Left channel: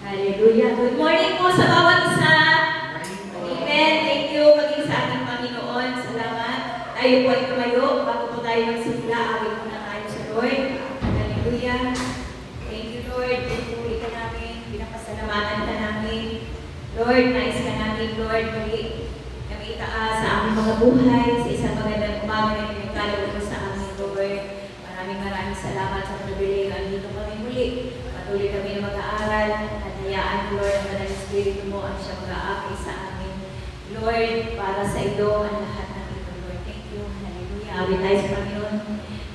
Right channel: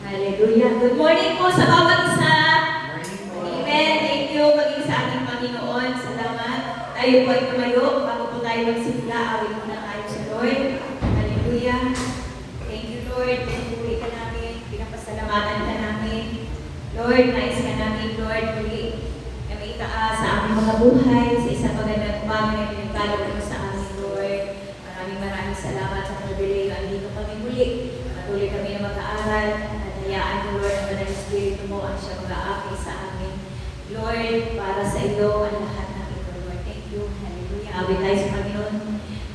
Hallelujah. Good morning po sa bawat isa. Amen. Thank you maging sa ating Panginoon. Salamat. Tayo po ay tumayo. Bago po tayo magsimula, awit muna tayo sa Lord. Hallelujah. Thank you, Lord. Pinupuwi ka namin. Pinapasalamatan ka namin. Lord, nais ka namin, Lord, muli na may itaas sa aming mga buhay, sa isang magandang umaga na pinagkalog mo sa amin, Lord. Maraming salamat sa pribileyo. Andito kami muli. Patuloy kami na mag-aaral. Hayaan mo, Lord, ang Banal Espiritu mo ang siya mag-aakay sa amin. Lord, para sa iyo ang lahat ng ito, Lord. Thank you. Hallelujah. Awit tayo sa Panginoon.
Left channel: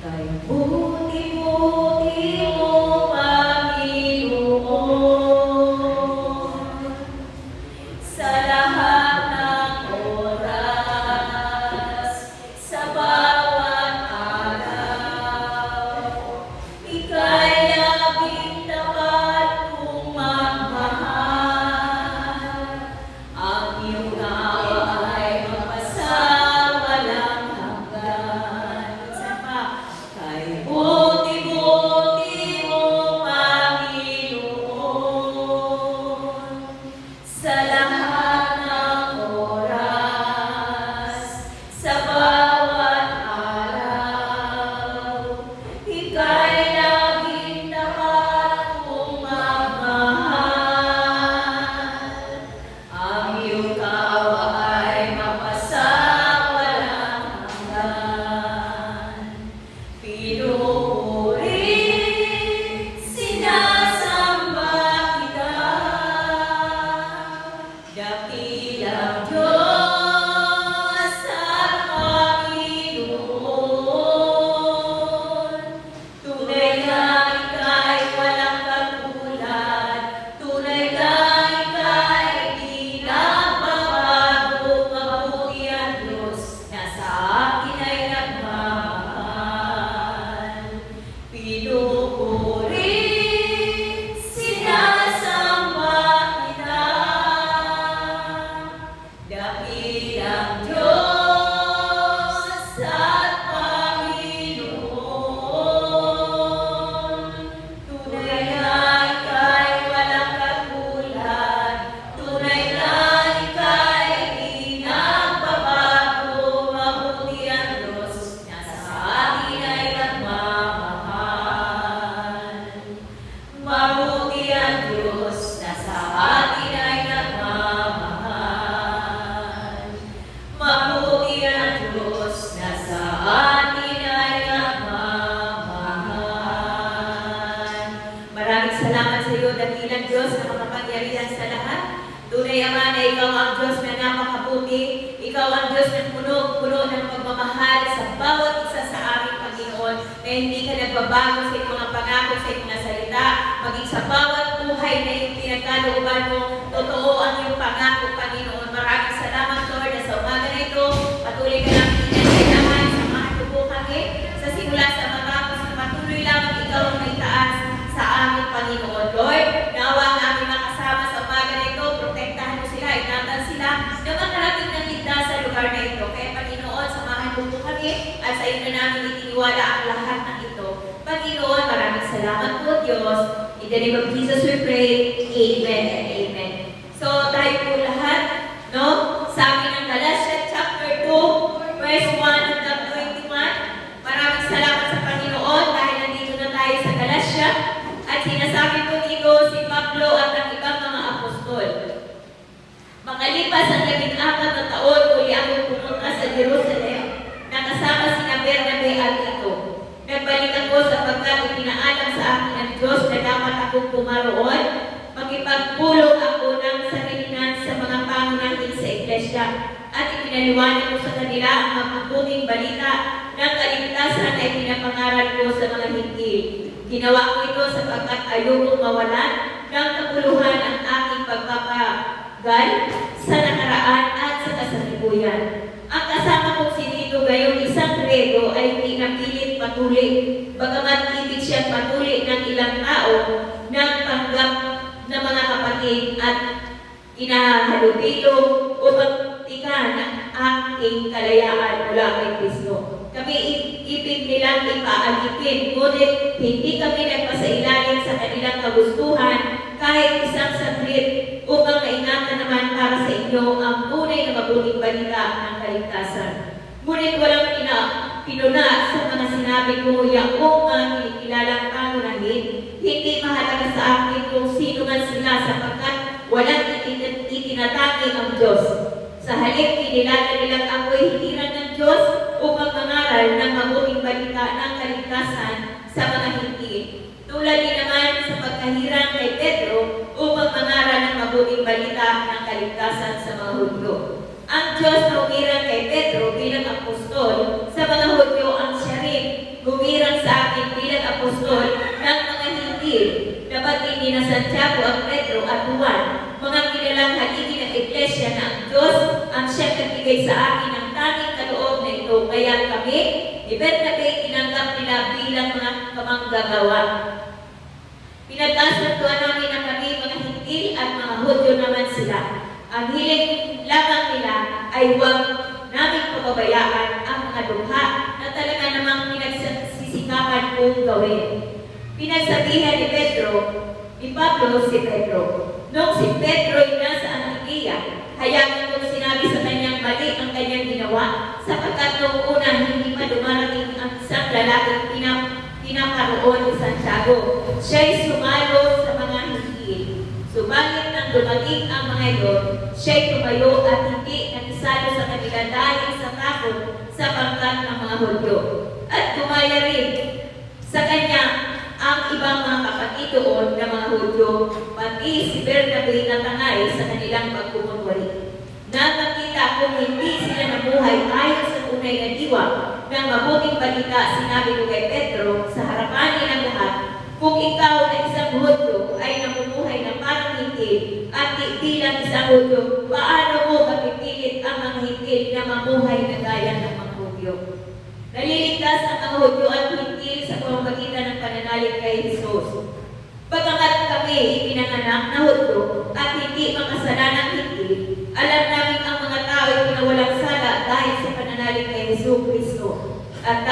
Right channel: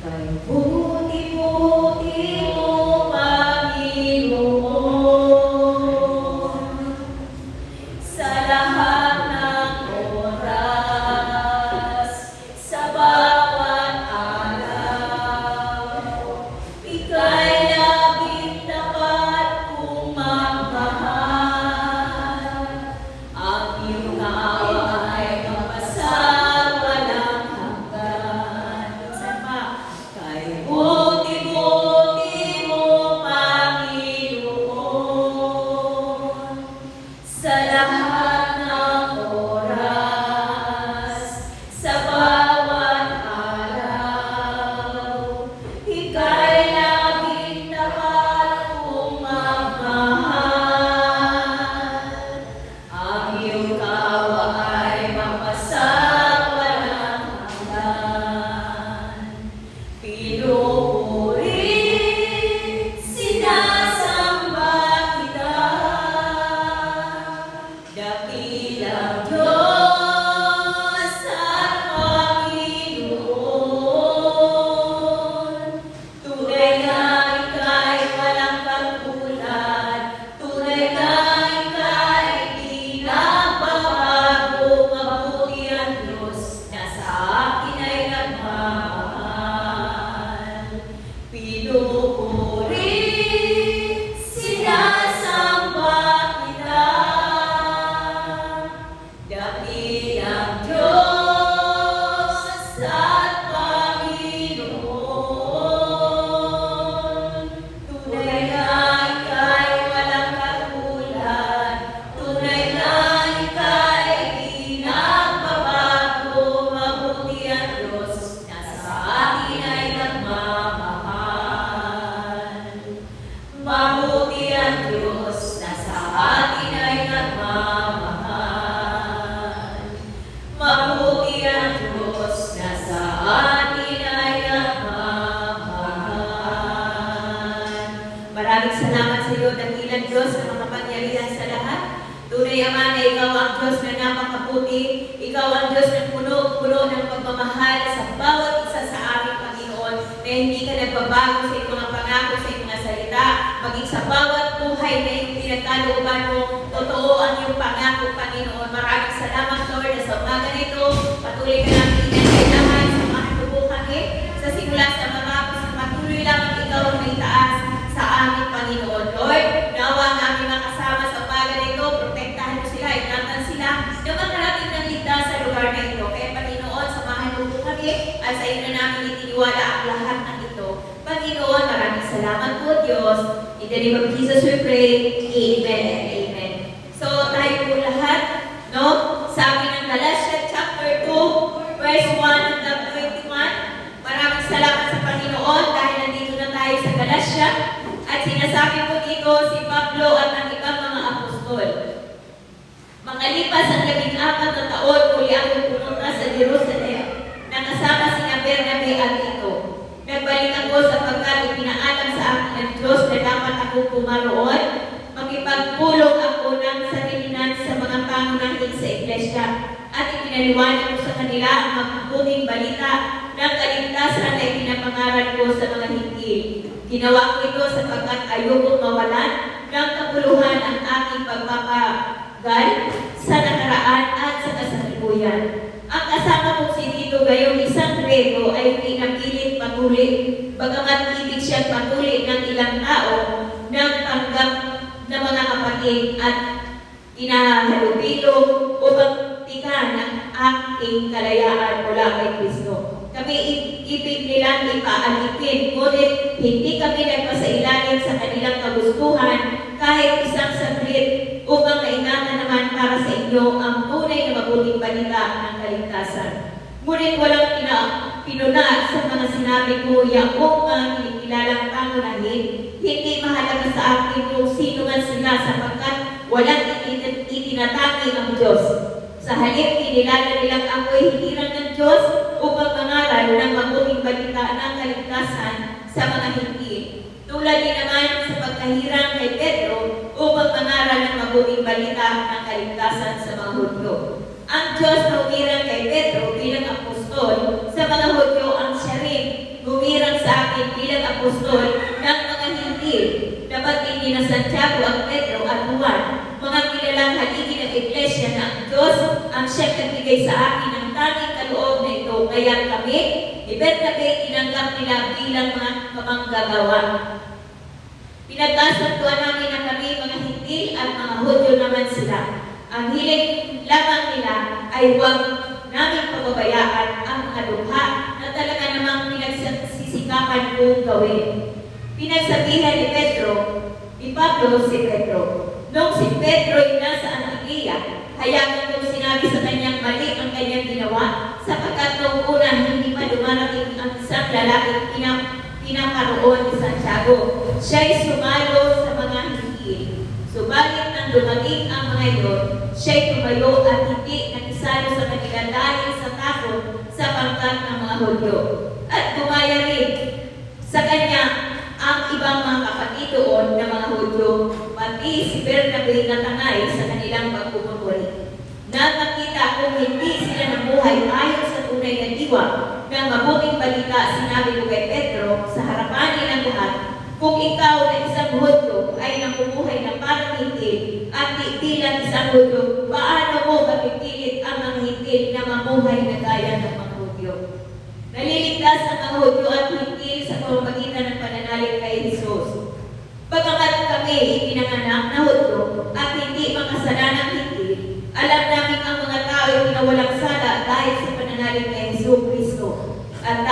Tayo buti-buti mo, Panginoon, sa lahat ng oras, sa bawat araw. Ika'y laging tapat kung magmahal. Ang iyong tawa ay mapasawalang hanggan. Minsan pa, kay buti-buti mo, Panginoon, sa lahat ng oras, sa bawat araw. Ika'y laging tapat kung magmahal. Ang iyong tawa ay mapasawalang hanggan. Pinupuri, sinasamba kita, dakilang Diyos at Panginoon. Tunay na ika'y walang katulad, tunay na ika'y di nagbabago. Mabuti ang Diyos na sa akin ay nagmamahal. Pinupuri, sinasamba kita, dakilang Diyos at Panginoon. Tunay na ika'y walang katulad, tunay na ika'y di nagbabago. Mabuti ang Diyos na sa atin ay nagmamahal. Mabuti ang Diyos na sa atin ay nagmamahal. Mabuti ang Diyos na sa atin ay nagmamahal. Maraming salamat sa iyo, dakilang Diyos na makapangyarihan sa lahat. Tunay Ama na ikaw ang Diyos na napakabuti. Ikaw ang Diyos na puno ng pagmamahal sa bawat isa sa aming Panginoon, na hindi ka nagbabago sa iyong mga pangako, sa iyong mga salita, maging sa bawat buhay na iyong pinagkalooban mo. Totoo ang iyong pangako, Panginoon. Maraming salamat, Lord, na sa umaga na ito. Patuloy ka namin ingat naman sa mga tubo kami, sa simula sa matapos, patuloy lamang ikaw ang may taas sa aming Panginoon. Lord, nawa ang aming makasama sa umaga na ito, protektahan mo sila, ingatan sila, na makarating ng ligtas sa lugar na ito. Kaya Panginoon, samahan mo po kami, at sa iyo na namin itiniwala ang lahat ng ito. Panginoon, maraming salamat po, Diyos. In the name of Jesus we pray. Amen and amen. So, tayo po lahat, no? Sabi ng Galatians chapter 2, verse 1 hanggang 21. Maraming salamat sa Panginoon dahil nandito na tayo sa Galatia. At sinasabi po dito si Pablo at ng ibang mga apostol. Makalipas ang 14 na taon, muli akong pumunta sa Jerusalem, na kasama sina Bernabe at Tito. Nagbalik ako sapagkat ipinaalam sa akin ng Diyos na dapat akong pumaroon, magipagpulong ako ng sarilinan sa mga pangunahing sa iglesia, at ipinaliwanag ko sa kanila ang mabubuting balita ng kaligtasan na ipinapangaral ko sa mga hindi. Ginawa ko ito sapagkat ayokong mawalan ng kabuluhan ang aking pagpapagal sa nakaraan at sa kasalukuyan. Ang kasama kong si Tito gayong isang Grego ay pinapilit patuloy, bagamat ibig siyang patuloy ng ilang tao ng panggap na mga kapatid at inahalubilo upang tikan ang aking kalayaan mula kay Kristo. Kami ibig nilang ipaalitin, ngunit hindi kami nagpasailalim sa kanilang kagustuhan kahit isang saglit upang maingatan naman para sa inyo ang tunay na mabuting balita ng kaligtasan. Ngunit walang pinuna sa mga sinabi ko yakong ang kinikilalang pangunahin. Hindi mahalaga sa akin kung sino man sila sapagkat walang itinatanggi ang Diyos. Sa halip, kinilala nilang ako'y hiniran ng Diyos upang mangaral ng mabuting balita ng kaligtasan sa mga hindi. Tulad din naman sa pagkahirang kay Pedro upang mangaral ng mabuting balita ng kaligtasan sa mga Hudyo. Ang Diyos na humirang kay Pedro bilang apostol sa mga Hudyo ang siya rin humirang sa akin bilang apostol ng mga hindi. Dapat hindi na Santiago ang Pedro at Juan, mga kilalang haligi ng iglesia na ang Diyos ang siyang nagbigay sa akin ng tanging kaloob na ito. Kaya kami, ni Bernabe, tinanggap nila bilang mga kamanggagawa. Pinagkasuntuan namin na kami mga hindi at mga Hudyo naman sila. Ang hiling lamang nila ay huwag namin pababayaan ang mga lukha na talaga namang pinagsisikapan kong gawin. Pinagsabihan ni Pablo si Pedro. Noong si Pedro ay nasa Antioquia, hayaan kong sinabi sa kanyang mali ang kanyang ginawa, sapagkat noong una hindi pa dumarating ang isang lalaking pinakaroon ni Santiago. Siya'y sumalo sa mga hindi. Subalit nang dumating ang mga iyon, siya'y tumayo at hindi nakisalo sa kanila dahil sa takot sa pangkat ng mga Hudyo. At tumaya rin sa kanya ang ibang mga kapatid doon na mga Hudyo, pati si Bernabe na tangay sa kanilang pagpupunwari. Nakakita kung hindi sila nabuhay ayon sa tunay na diwa ng mabuting balita, sinabi ko kay Pedro sa harapan nilang lahat, kung ikaw na isang Hudyo ay nabubuhay na parang hindi at bilang isang Hudyo, paano mo mapipilit ang mga hindi na mamuhay na gaya ng mga Hudyo? Naliligtas ang mga Hudyo at hindi sa pamamagitan ng pananalig kay Jesus. Pagkakat kami ipinanganak na Hudyo at hindi makasalanang hindi, alam namin ang mga tao ay pinawalang sala dahil sa pananalig kay Jesus Kristo. At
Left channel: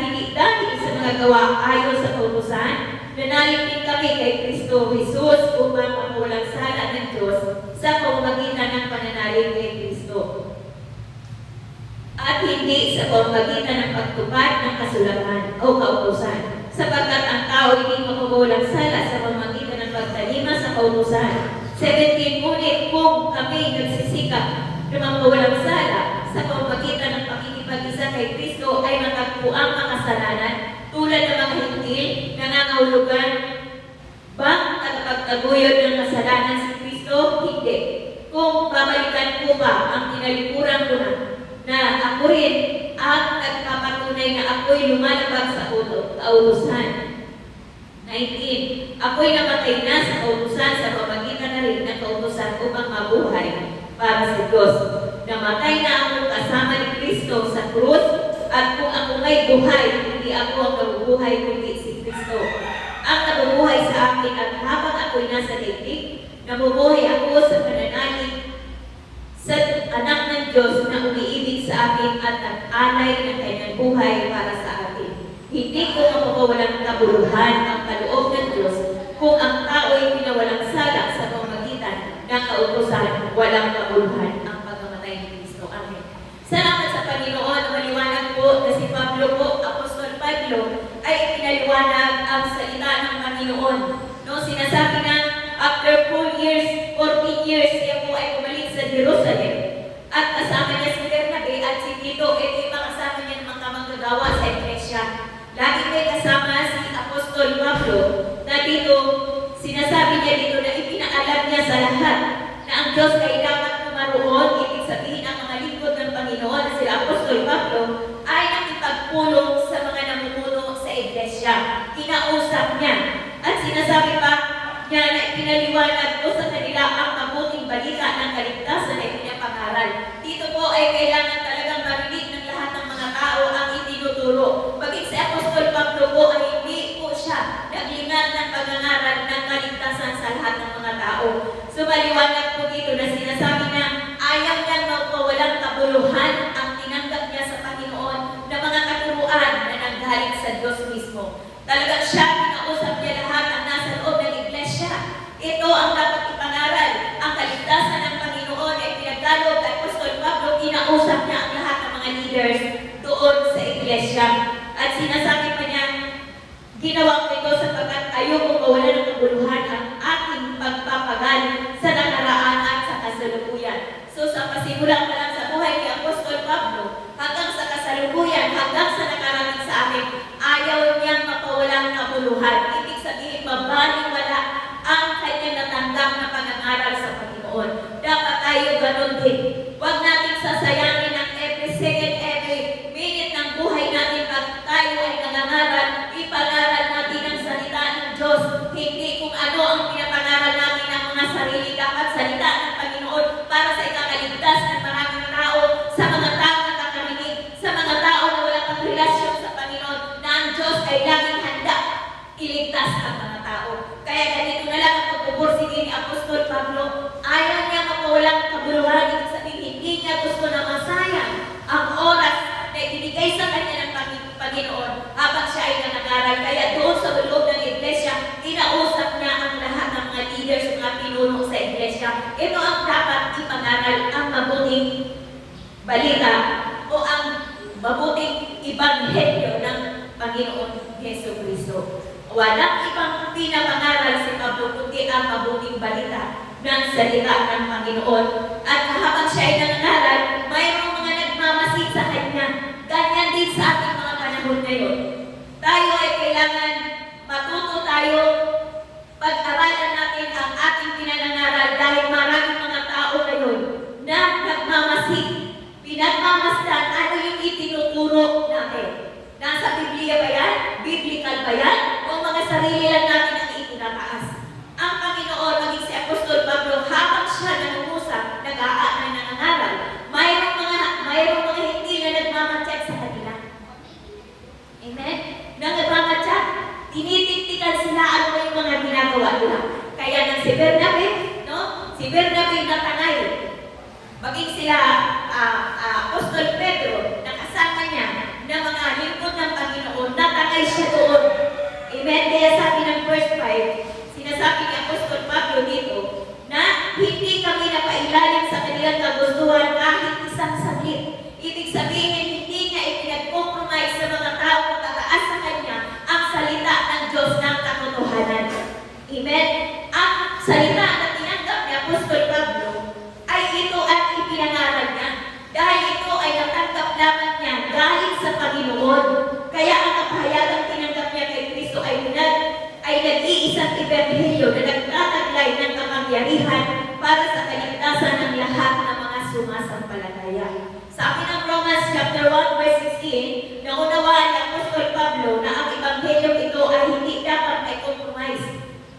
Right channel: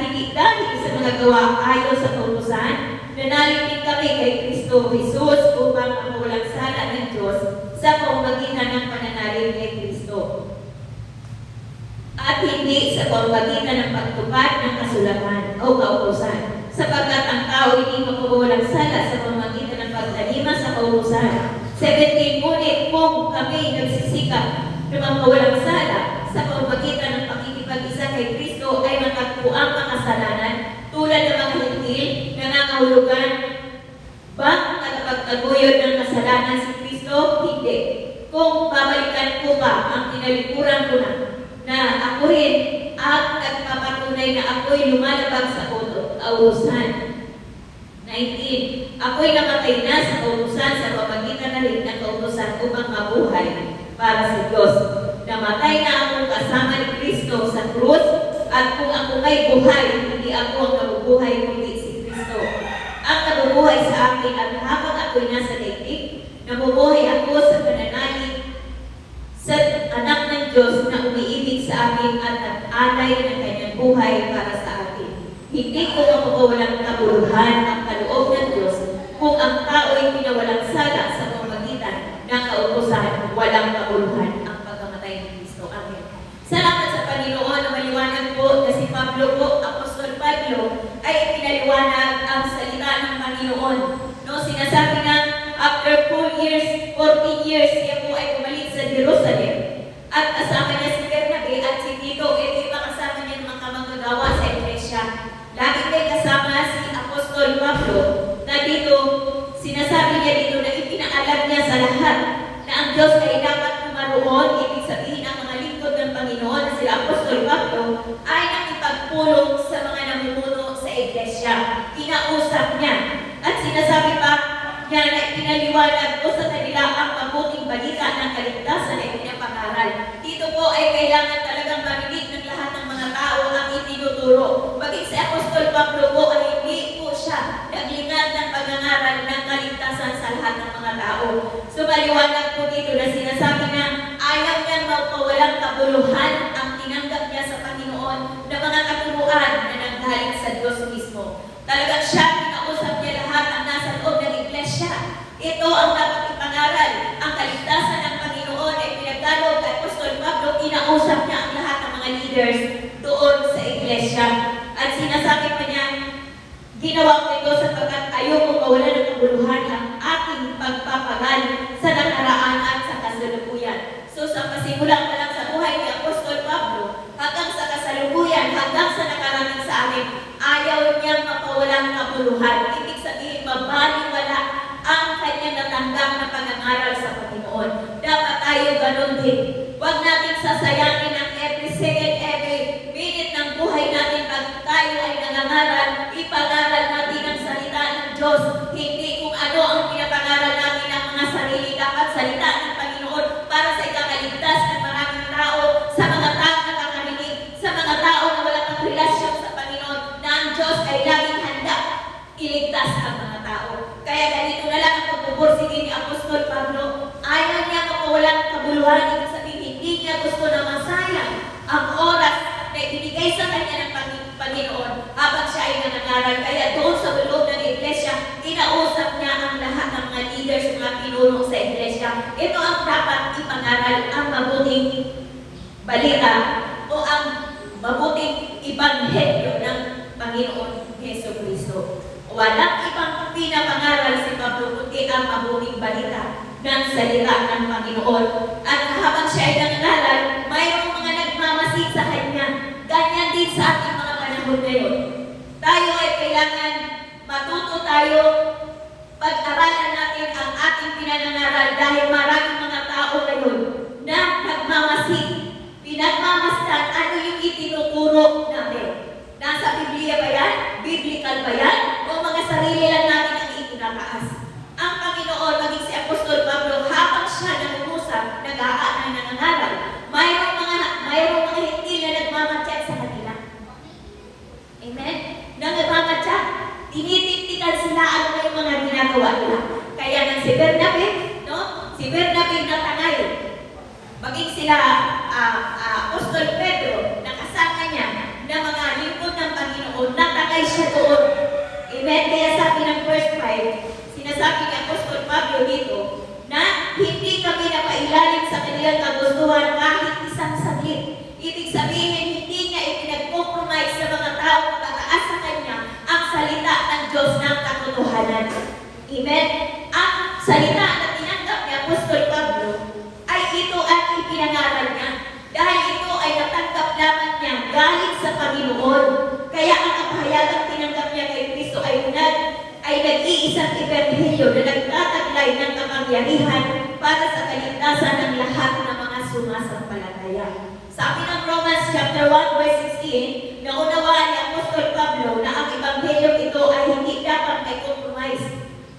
hindi dahil sa mga gawa ayon sa kautusan, nanalig din kami kay Kristo Jesus upang mawalang sala ng Diyos sa pamamagitan ng pananalig kay Kristo. At hindi sa pamamagitan ng pagtupad ng kasulatan o kautusan, sapagkat ang tao hindi mawawalang sala sa pamamagitan ng pagtalima sa kautusan. 17, ngunit kung kami nagsisikap na mawawalang sala sa pamamagitan ng pakikipag-isa kay Kristo ay matagpo ang makasalanan tulad ng mga hintil na nangahulugan bang nagpagtaguyod ng kasalanan si Kristo? Hindi. Kung babalikan ko ba ang tinalikuran ko na ako rin ang nagpapatunay na ako'y lumalabag sa kautusan. 19. Ako'y namatay na sa kautusan sa pamagitan na rin ng kautusan upang mabuhay para sa Diyos. Namatay na ako kasama ni Kristo sa krus, at kung ako may buhay, hindi ako ang nabubuhay kundi si Kristo. Ang nabubuhay sa akin at habang ako'y nasa daigdig, nabubuhay ako sa pananalig sa anak ng Diyos na umiibig sa akin at nag-alay ng kanyang buhay para sa akin. Hindi ko mapawalang kabuluhan ang kaloob ng Diyos kung ang tao ay pinawalang sala sa pamamagitan ng kautusan, walang kabuluhan ang pagkamatay ni Kristo. Amen. Salamat sa Panginoon na maliwanag po na si Pablo po, Apostol Pablo, ay pinaliwanag ang salita ng Panginoon. No, sinasabi na after 4 years, 14 years, siya po ay bumalik sa Jerusalem. At kasama niya si Bernabe at si Tito, ito'y makasama niya ng mga manggagawa sa iglesia. Lagi may kasama si Apostol Pablo na dito, sinasabi niya dito na ipinaalam niya sa lahat na ang Diyos ay dapat pumaroon, ibig sabihin ang mga lingkod ng Panginoon na sila Apostol Pablo ay nakipagpulong sa mga namumuno sa iglesia. Kinausap niya at sinasabi pa niya na pinaliwanag ko sa kanila ang mabuting balita ng kaligtasan na ipinapangaral. Dito po ay kailangan talagang marinig ng lahat ng mga tao ang itinuturo. Baging si Apostol Pablo po ay hindi po siya naglingad ng pag-angaral ng kaligtasan sa lahat ng mga tao. So maliwanag po dito na sinasabi na ayaw niyang magpawalang kabuluhan ang tinanggap niya sa Panginoon na mga katuruan katuruan na nanggaling sa Diyos mismo. Talagang siya, kinausap niya lahat ang nasa loob ng iglesia. Ito ang dapat ipangaral. Ang kaligtasan ng Panginoon ay pinagdalo kay Apostol Pablo, kinausap niya ang lahat ng mga leaders doon sa iglesia. At sinasabi pa niya, ginawa ko ito sapagkat ayoko mawalan ng kabuluhan ang aking pagpapagal sa nakaraan at sa kasalukuyan. So sa pasimula pa lang sa buhay ni Apostol Pablo, hanggang sa kasalukuyan, hanggang sa nakarating sa amin, ayaw niyang mapawalan ng kabuluhan. Ibig sabihin, mabaliwala ang kanyang natanggap na pangangaral sa Panginoon. Dapat tayo ganun din. Huwag nating sasayangin ang every second, every minute ng buhay natin pag tayo ay nangangaral. Ipangaral natin ang salita ng Diyos. Hindi kung ano ang pinapangaral natin ng mga sarili. Dapat salita ng Panginoon para sa ikakaligtas ng maraming tao, sa mga tao na nakakarinig, sa mga tao na walang relasyon sa Panginoon, na ang Diyos ay laging handa iligtas ang mga tao. Kaya ganito na lang ang pagpupursige ni Apostol Pablo. Ayaw niya mapawalang kabuluhan. Ibig sabihin, hindi niya gusto na masayang ang oras na ibinigay sa kanya ng Panginoon habang siya ay nangangaral. Kaya doon sa loob ng iglesia, kinausap niya ang lahat ng mga leaders, mga pinuno sa iglesia. Ito ang dapat ipangaral, ang mabuting balita o ang mabuting ibanghelyo ng Panginoon Hesus Kristo. Walang ibang pinapangaral si Pablo kundi ang mabuting balita ng salita ng Panginoon. At habang siya ay nangangaral, mayroong mga nagmamasid sa kanya. Ganyan din sa ating mga panahon ngayon. Tayo ay kailangan matuto tayo, pag-aralan natin ang ating pinangangaral dahil maraming mga tao ngayon na nagmamasid, pinagmamasdan ano yung itinuturo natin. Nasa Biblia ba yan? Biblical ba yan? O mga sarili lang natin ang itinataas? Ang Panginoon, maging si Apostol Pablo, habang siya nangungusap, nag-aaral, nangangaral, mayroong mga hindi na nagmamatsyat sa kanila. Amen? Nagmamatsyat. Tinitiktikan sila ano na yung mga ginagawa nila. Kaya nang si Bernabe, no? Si Bernabe natangay. Maging sila Apostol Pedro, nakasama niya na mga lingkod ng Panginoon, natangay siya doon. Amen? Kaya sabi ng verse 5, sinasabi ni Apostol Pablo dito, na hindi kami napailalim sa kanilang kagustuhan kahit isang saglit. Ibig sabihin, hindi niya ipinag-compromise sa mga tao na pagkaas sa kanya ang salita ng Diyos ng katotohanan. Amen? Ang salita na tinanggap ni Apostol Pablo ay ito ang ipinangaral niya. Dahil ito ay natanggap lamang niya galing sa Panginoon. Kaya ang kapahayagang tinanggap niya kay Kristo ay nag-iisang ebanghelyo na nagtataglay ng kapangyarihan para sa kaligtasan ng lahat ng mga sumasampalataya. Sabi ng Romans chapter 1 verse 16, naunawaan ni Apostol Pablo na ang ebanghelyo ito ay hindi dapat may compromise.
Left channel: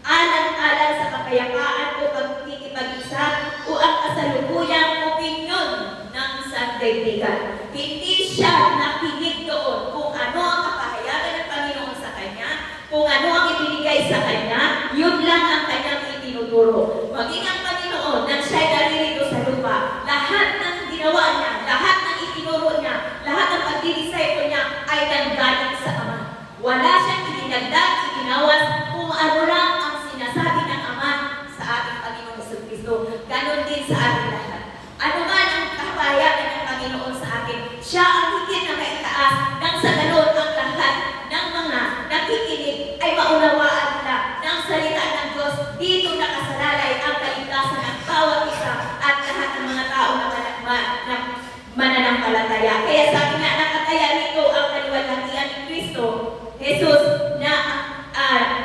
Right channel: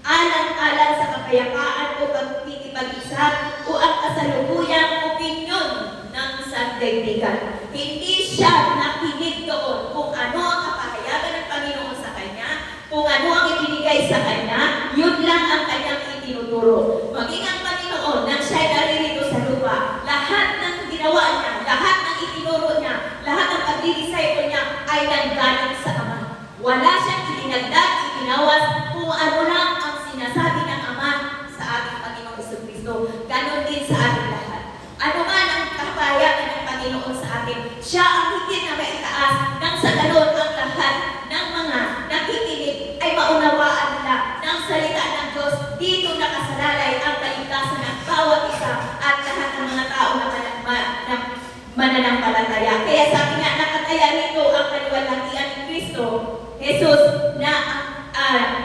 Alang-alang sa kapayapaan o pagkikipag-isa o ang kasalukuyang opinyon ng sandaigdigan. Hindi siya nakinig doon kung ano ang kapahayagan ng Panginoon sa kanya, kung ano ang ibinigay sa kanya, yun lang ang kanyang itinuturo. Maging ang Panginoon nang siya naririto sa lupa, lahat ng ginawa niya, lahat ng itinuro niya, lahat ng pagdidisciple niya ay nanggaling sa Ama. Wala siyang itinagdag, itinawas, kung ano lang ang sinasabi ng Ama sa ating Panginoong Jesucristo. Ganon din sa ating lahat. Ano man ang kapahayagan ng Panginoon sa atin, siya ang higit na maitaas nang sa ganon ang lahat ng mga nakikinig ay maunawaan nila ng salita ng Diyos. Dito nakasalalay ang kaligtasan ng bawat isa at lahat ng mga tao na mananampalataya. Kaya sabi niya, nakataya nito ang kaluwalhatian ni Kristo, Jesus, na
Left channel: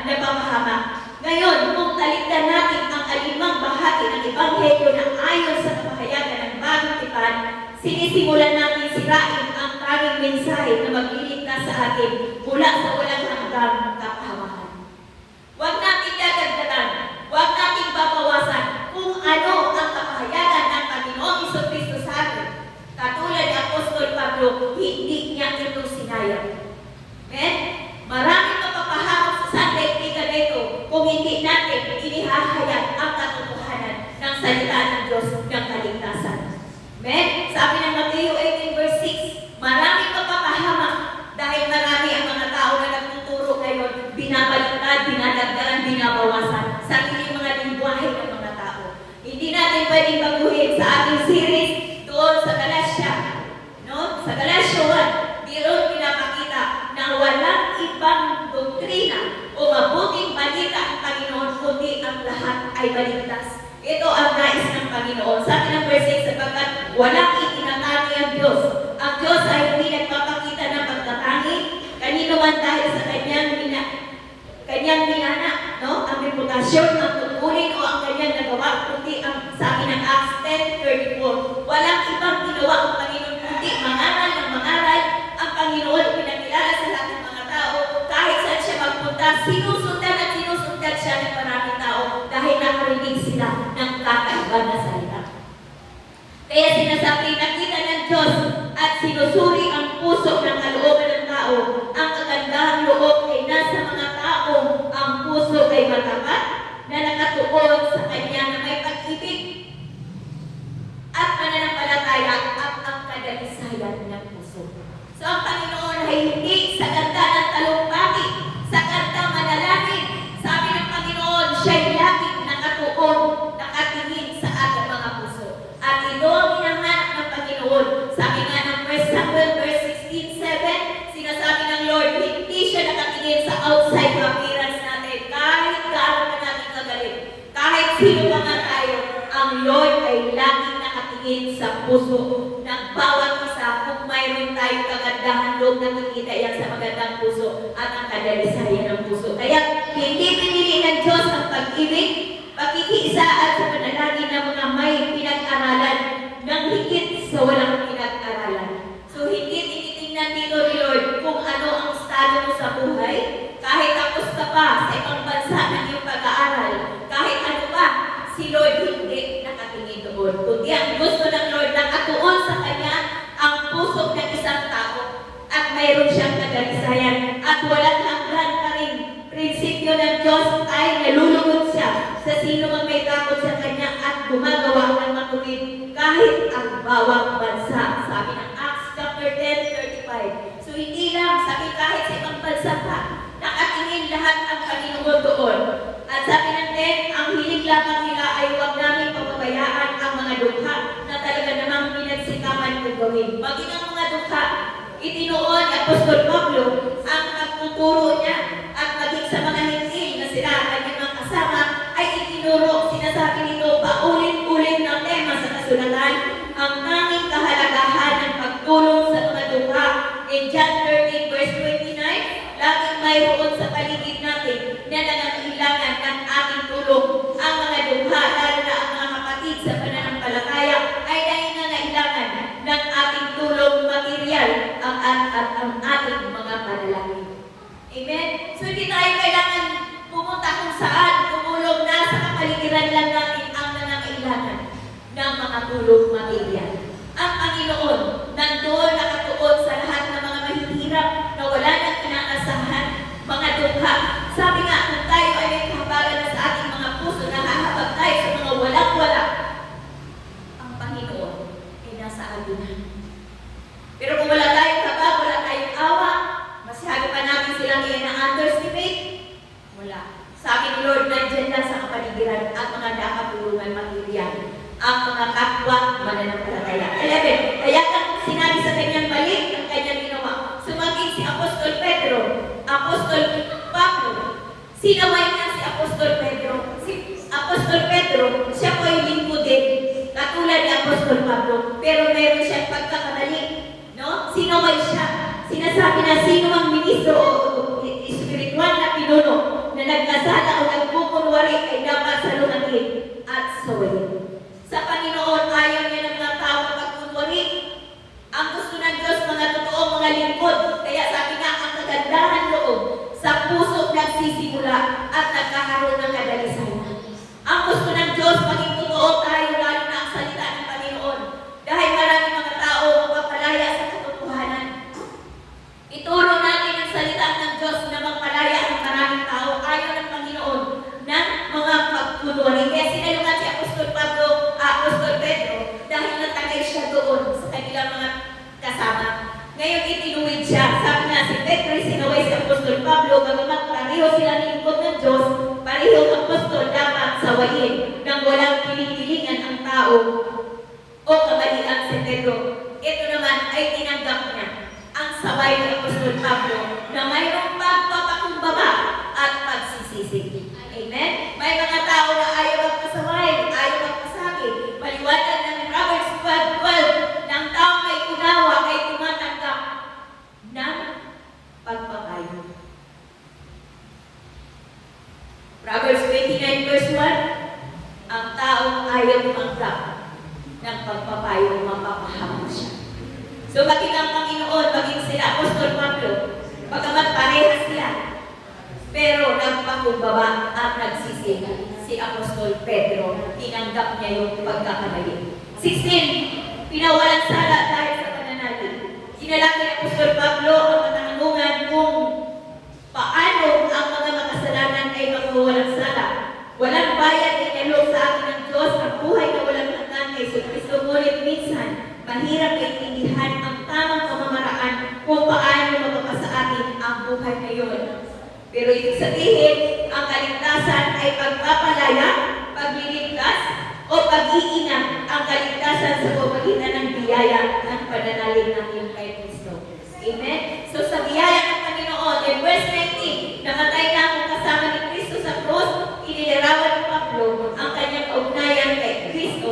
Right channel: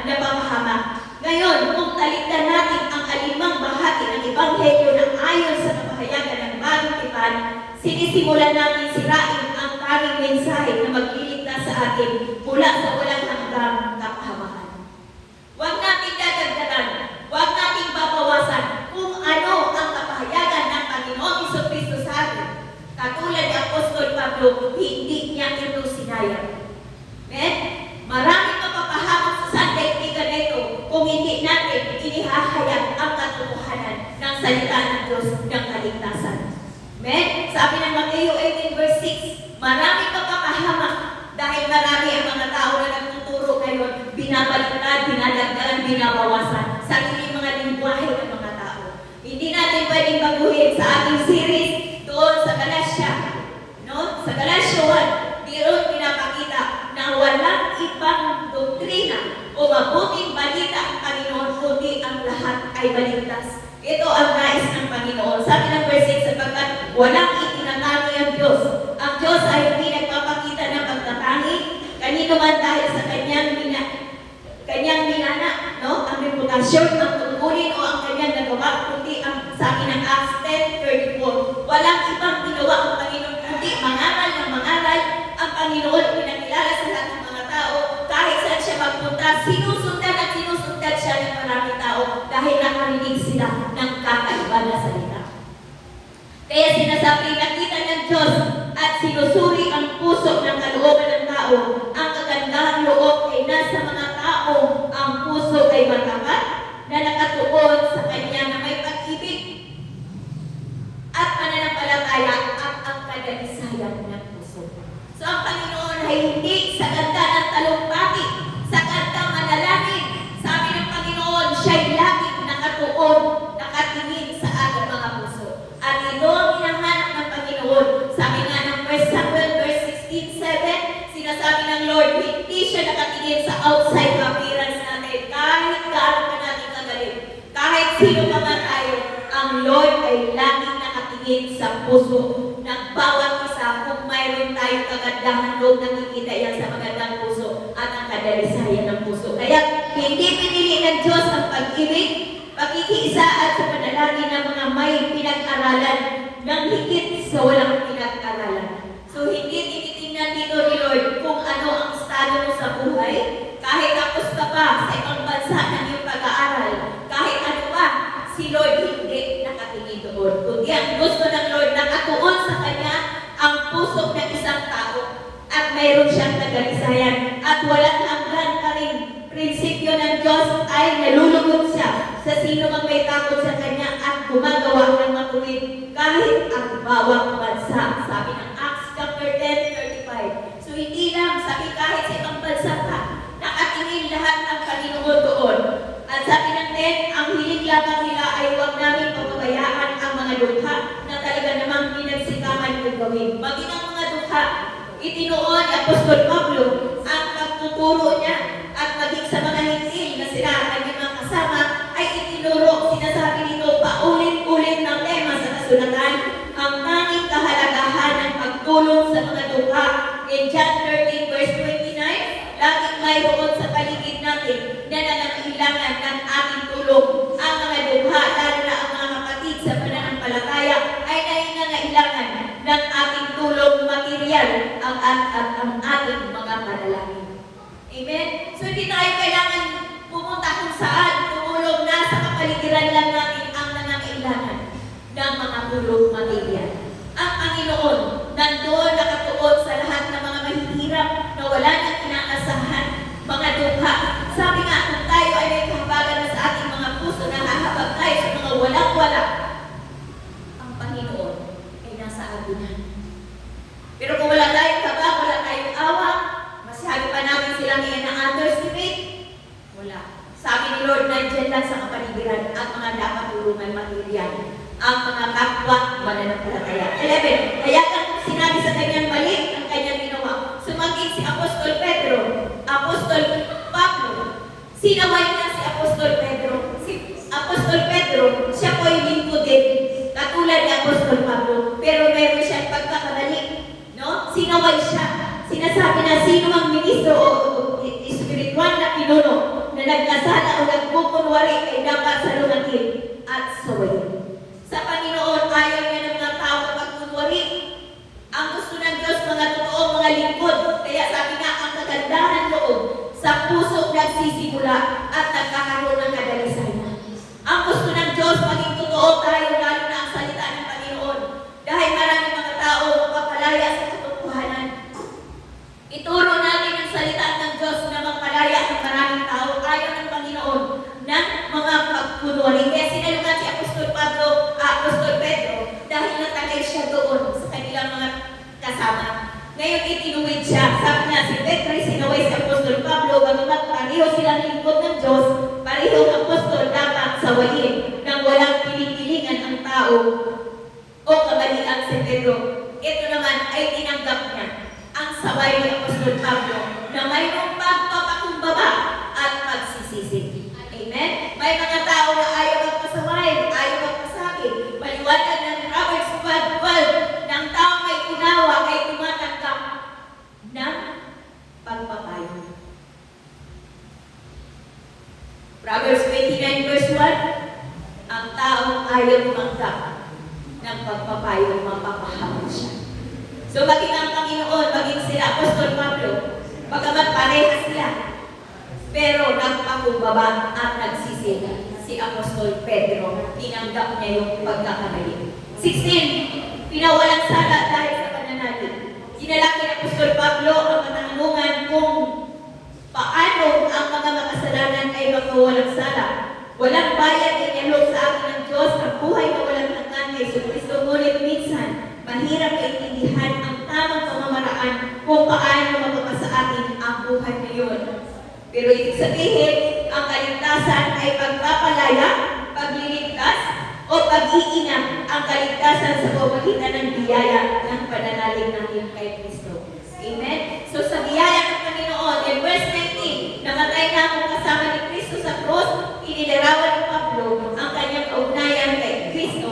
napapahamak. Ngayon, kung talikdan natin ang alimang bahagi ng ebanghelyo ng ayon sa kapahayagan ng bagong tipan, sinisimulan natin sirain ang tanging mensahe na magliligtas sa atin mula sa walang hanggang kapahamakan. Huwag natin dadagdagan, huwag natin babawasan kung ano ang kapahayagan ng Panginoong Jesucristo sa atin. Katulad ni Apostol Pablo, hindi niya ito sinayang. Amen? Maraming mapapahamak sa sandaigdigan na ito kung hindi natin inihahayag ang katotohanan ng salita ng Diyos ng kaligtasan. Amen? Sabi ng Mateo 18 verse 6, maraming mapapahamak dahil marami ang mga tao na nagtuturo ngayon, binabaliktad, dinadagdagan, binabawasan sa ating mga lingwahe ng mga tao. Hindi natin pwedeng baguhin sa ating series doon sa Galatia, no? Sa Galatia 1, doon pinapakita na walang ibang doktrina o mabuting balita ang Panginoon, kundi ang lahat ay baligtas. Ito ang nais ng Panginoon. Sabi ng verse 6, sapagkat walang itinatanggi ang Diyos. Ang Diyos ay hindi nagpapakita ng pagtatangi kanino man dahil sa kanyang minana, no? Ang reputasyon, ang tungkulin o ang kanyang nagawa, kundi ang sabi ng Acts 10:34. Walang ibang ginawa ang Panginoon, kundi mangaral ng mangaral. Ang Panginoon pinakilala sa lahat ng mga tao. Kahit saan siya magpunta, sinusundan at sinusundan siya ng maraming tao dahil nakarinig sila ng kakaiba na salita. Kaya sinasabi, nakita ng Diyos at sinusuri ang puso ng kalooban ng tao. Ang kagandahang loob ay nasa mga tao. Ang puso ay matapat na nakatuon sa Kanya na may pag-ibig at pananampalataya at ang kadalisayan ng puso. So ang Panginoon ay hindi sa ganda ng talumpati, sa ganda ng manalangin. Sabi ng Panginoon, siya'y laging nakatuon, nakatingin sa ating mga puso. At ito ang hinahanap ng Panginoon. Sabi nga ng 1 Samuel verse 16:7, sinasabi ng Lord, hindi siya nakatingin sa outside appearance natin. Kahit gaano pa natin kagaling, kahit sino pa nga tayo, ang Lord ay laging nakatingin sa puso ng bawat isa. Kung mayroon tayong kagandahan loob, nakikita yan sa magandang puso at ang kadalisayan ng puso. Kaya hindi pinili ng Diyos ang pag-ibig, pakikiisa at sa panalangin ng mga may pinag-aralan ng higit sa walang pinag-aralan. So hindi tinitingnan dito ni Lord kung ano ang estado mo sa buhay, kahit tapos ka pa sa ibang bansa ng iyong pag-aaral, kahit ano pa, si Lord hindi nakatingin doon. Kundi ang gusto ng Lord nakatuon sa Kanya ang puso ng isang tao at mayroon siyang kadalisayan at walang hanggan ka rin. Prinsipyo ng Diyos ay nalulugod siya sa sino mang may takot sa Kanya at gumagawa ng matuwid kahit ang bawang bansa. Sabi ng Acts chapter 10:35. So hindi lang, sabi kahit sa ibang bansa ka, nakatingin lahat ang Panginoon doon. At sabi ng 10, ang hilig lamang nila ay huwag namin pagpabayaan ang mga dukha na talaga namang pinagsikapan kong gawin. Maging ang mga dukha, itinuon ni Apostol Pablo ang pagtuturo niya at maging sa mga hintil na sila ang kanyang mga kasama ay itinuro, sinasabi nito, paulit-ulit ng tema sa kasulatan, ang tanging kahalagahan ng pagtulong sa mga dukha. In John 13 verse 29, laging mayroon sa paligid natin na nangangailangan ng ating tulong. Ang mga dukha, lalo na ang mga kapatid sa pananampalataya, ay nangangailangan ng ating tulong material at ang ating mga panalangin. Amen? So hindi tayo kailangan pumunta kung saan, tumulong na sa kapaligiran lang natin ang nangangailangan ng mga tulong material. Ang Panginoon, nandoon nakatuon sa lahat ng mga mahihirap na wala nang inaasahan, mga dukha. Sabi nga, kung tayo ay may kahabagan na sa ating mga puso, nahahabag tayo sa mga walang-wala, ang Panginoon ay nasa adunan. Pero kung wala tayong kabag, wala tayong awa, masyado pa namin silang ina-underestimate, wala. Sabi ni Lord, nandiyan lang sa kapaligiran ang mga dapat tulungan material, ang mga kapwa mananampalataya. 11. Kaya kung sinabi sa kanyang mali, ang kanyang ginawa. Sumaging si Apostol Pedro, Apostol Pablo. Sinaway niya si Apostol Pedro. Si Apostol Pedro, siya po ay lingkod din, katulad ni Apostol Pablo. Pero meron siyang pagkakamali. No? Sinaway siya. Sinasabi na sino ang ministro o espiritual na pinuno na nagkasala o nagpupunwari ay dapat salunatin at sawayin. Sa Panginoon, ayaw niya ng mga tao magpunwari. Ang gusto ng Diyos, mga totoo, mga lingkod. Kaya sabi nga, ang kagandahan loob sa puso nagsisimula at nagkakaroon ng kadalisayan. Ang gusto ng Diyos, maging totoo tayo, lalo na ang salita ng Panginoon. Dahil maraming mga tao magpapalaya sa katotohanan. Ituro natin ang salita ng Diyos na magpalaya ang maraming tao. Ayaw ng Panginoon ng mga pagpunwari. Kaya sinalungan si Apostol Pedro dahil natagay siya doon sa kanilang mga kasama. Ngayon itinuwid siya. Sabi niya, si Pedro ay sinaway si Apostol Pablo, bagamat pareho silang lingkod ng Diyos, pareho ang apostol dapat sawayin nang walang pinipilingan ang tao o kamalian si Pedro. Ito naman ay tinanggap niya ang saway ng Apostol Pablo na mayroong pagpapakumbaba at pagsisisi. Amen? May mga tao na ayaw magpasaway, ayaw magpasabi. Maliwanag ng Proverbs 12 na ang tao may unawa ay tumatanggap ng pagpapayo. Proverbs 29 verse 1, ang taong ayaw tumanggap ng pagpapayo, mapapahamak siya. So maging ang Panginoon, maging sila Apostol Pablo, bagamat parehas sila, pero nagpakumbaba at nagsisi si Apostol Pedro, tinanggap niya yung pagkakamali. 16, pinawalan sala dahil sa pananalig. Sinalaki ni Apostol Pablo ang katanungan kung paano ang mga makasalanan ay magkawalang sala. Walang bayad inilog sa akin ng Diyos ang buhay na walang hanggan kay Kristo, ngunit minsan mahirap maintindihan ang tamang pamamaraan kung paano mapapasa atin ang buhay na yun. Pero ibig sabihin, ang kaligtasan ay pagpapalaya, pagliligtas, o pag-iinam ang kaligtasan sa pamamagitan ng biyaya ng pananalig natin kay Kristo. Amen? So sa biyaya ng Panginoon, in verse 19, namatay na akong kasama ni Kristo sa cross, inilarawan ni Pablo ang kanyang kaugnayan kay Kristo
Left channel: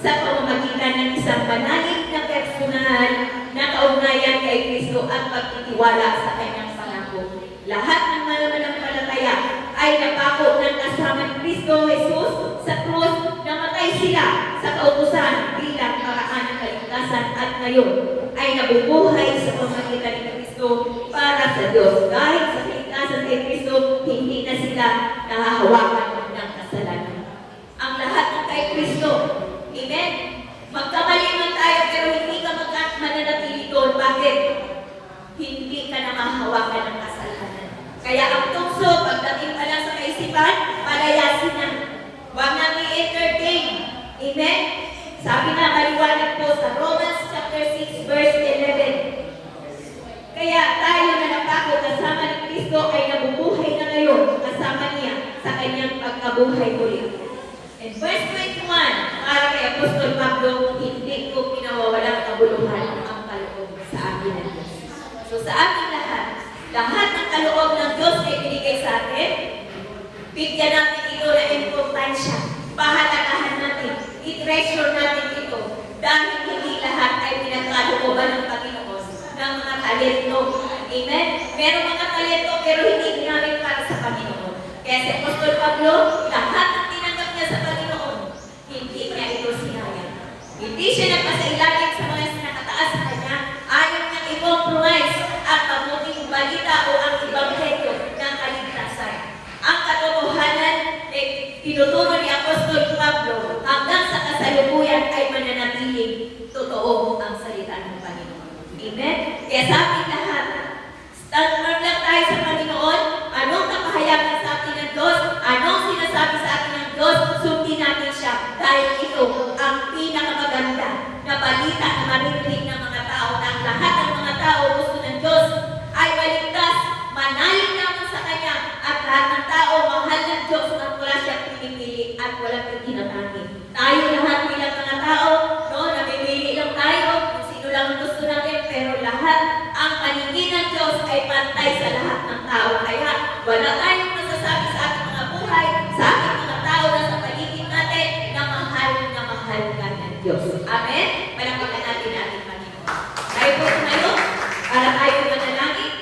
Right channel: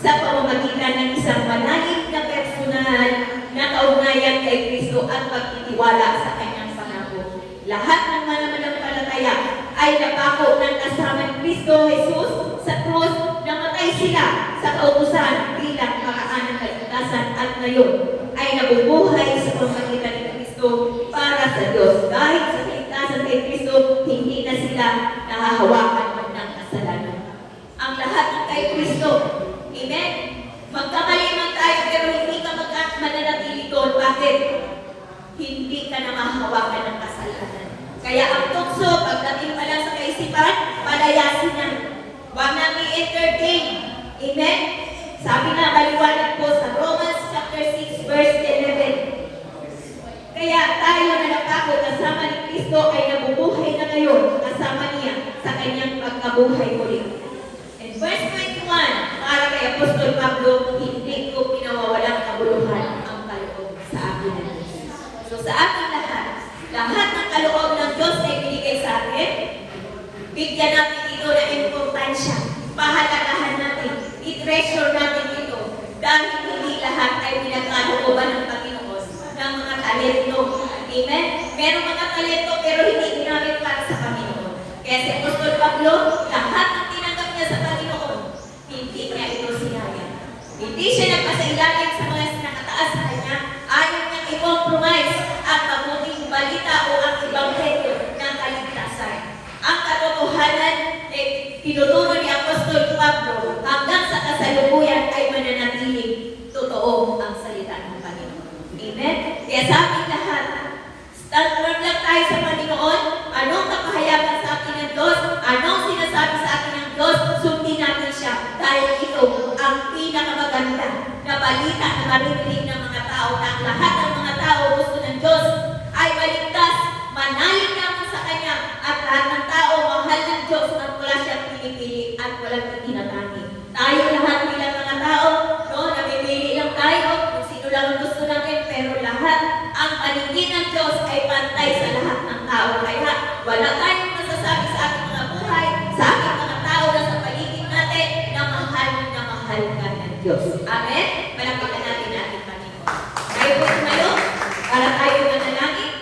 sa pamamagitan ng isang manalig na personal na kaugnayan kay Kristo at pagtitiwala sa kanyang pangako. Lahat ng mga manampalataya ay napako ng kasama ni Kristo Jesus sa krus, namatay sila sa kautusan bilang paraan ng kaligtasan at ngayon ay nabubuhay sa pamamagitan ni Kristo para sa Diyos. Dahil sa kaligtasan kay Kristo, hindi na sila nahahawakan ng kasalanan. Ang lahat ng kay Kristo. Amen? Magkamali man tayo pero hindi ka mananatili doon. Bakit? Hindi ka na mahahawakan ng kasalanan. Kaya ang tukso, pagdating pa lang sa kaisipan, palayasin na. Huwag nang i-entertain. Amen? Sabi nga maliwanag po sa Romans chapter 6 verse 11. Kaya tayo na napako kasama ni Kristo ay nabubuhay na ngayon kasama niya sa kanyang pagkabuhay muli. And verse 21, para kay Apostol Pablo, hindi ko pinawawalang kabuluhan ang kaloob sa akin ng Diyos. So sa ating lahat ng kaloob ng Diyos na ibinigay sa atin, bigyan natin ito na importansya. Pahalagahan natin, i-treasure natin ito dahil hindi lahat ay pinagkalooban ng Panginoon ng mga talento. Amen? Merong mga talento pero hindi ginamit para sa Panginoon. Kaya si Apostol Pablo, lahat ng tinanggap niya sa Panginoon, hindi niya ito sinayang. Hindi siya nagpasailalim sa mga nakataas sa kanya, ayaw niya i-compromise ang mabuting balita o ang ebanghelyo ng kaligtasan. Ang katotohanan ay tinuturo ni Apostol Pablo hanggang sa kasalukuyan ay mananatiling totoo ang salita ng Panginoon. Amen? Kaya sa ating lahat, stand firm lang tayo sa Panginoon. Anong kapahayagan sa atin ng Diyos? Anong sinasabi sa atin ng Diyos? Sundin natin siya dahil ito ang pinakamaganda na balita na maririnig ng mga tao na ang lahat ng mga tao gusto ng Diyos ay maligtas, manalig naman sa Kanya at lahat ng tao mahal ng Diyos at wala siyang pinipili at walang tinatangi. Tayo lahat bilang mga tao, no, namimili lang tayo kung sino lang ang gusto natin, pero lahat ang paningin ng Diyos ay pantay sa lahat ng tao. Kaya wala tayong masasabi sa ating mga buhay, sa ating mga tao na sa paligid natin na mahal ka ng Diyos. Amen? Malapitan natin ating Panginoon. Tayo po ngayon, para tayo manalangin.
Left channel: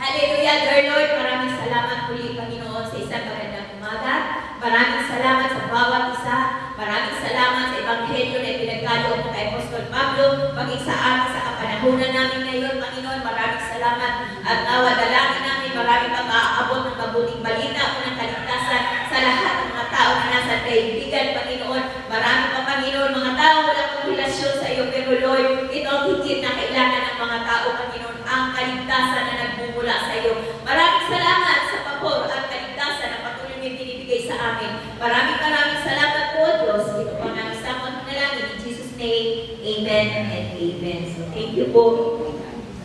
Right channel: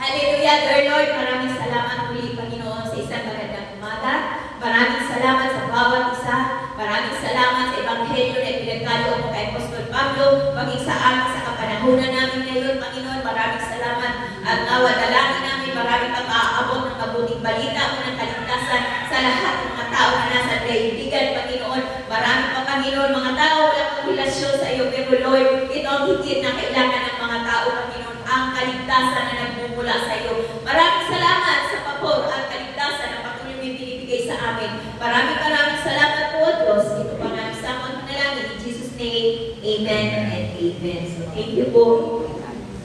Hallelujah, dear Lord, maraming salamat muli, Panginoon, sa isang magandang umaga. Maraming salamat sa bawat isa. Maraming salamat sa ebanghelyo na ipinagkaloob mo kay Apostol Pablo, maging sa amin sa kapanahunan namin ngayon, Panginoon. Maraming salamat at nawa dalangin namin maraming pang maaabot ng mabuting balita o ng kaligtasan sa lahat ng mga tao na nasa daigdigan, Panginoon. Marami pa, Panginoon, mga tao walang relasyon sa iyo, pero Lord, ito ang higit na kailangan ng mga tao, Panginoon, ang kaligtasan na nagmumula sa iyo. Maraming salamat sa pagpapor at kaligtasan na patuloy na binibigay sa amin. Maraming salamat po, Diyos. Ito pa namin sa mga panalangin. In Jesus' name, Amen and amen. So thank you po.